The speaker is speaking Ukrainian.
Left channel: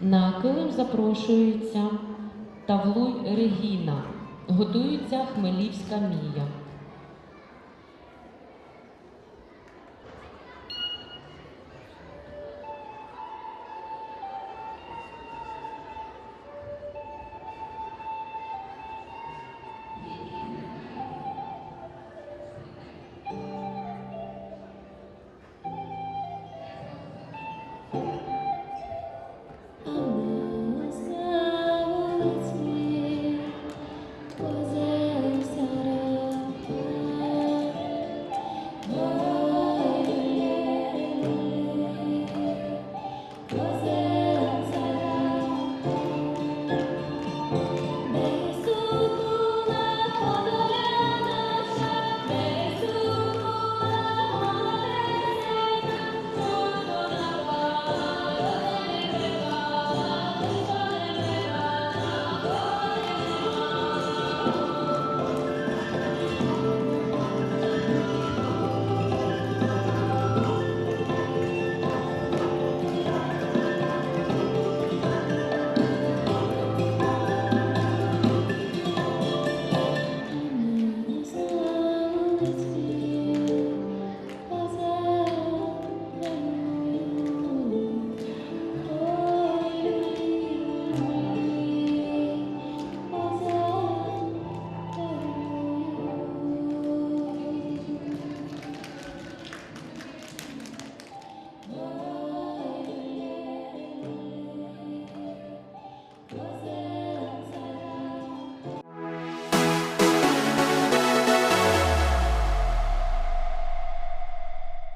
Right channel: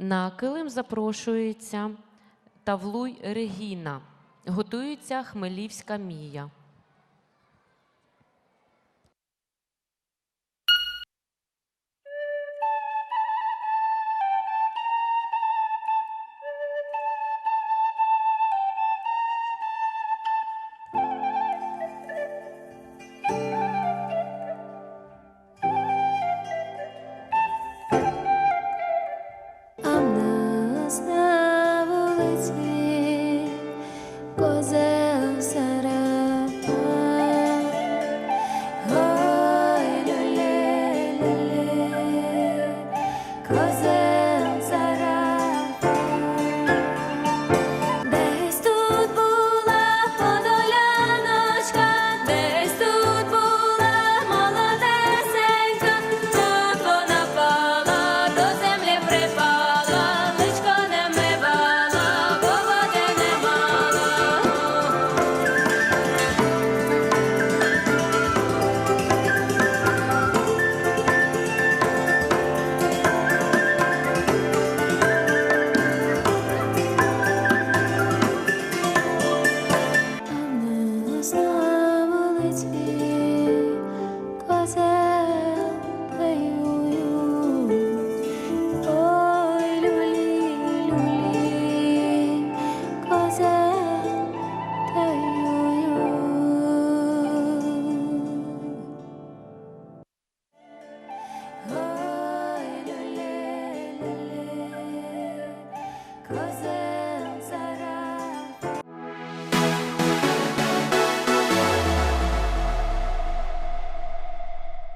На килим запрошується Тавлуй Регіна. Годується Хмелівська Мія. Cause roses.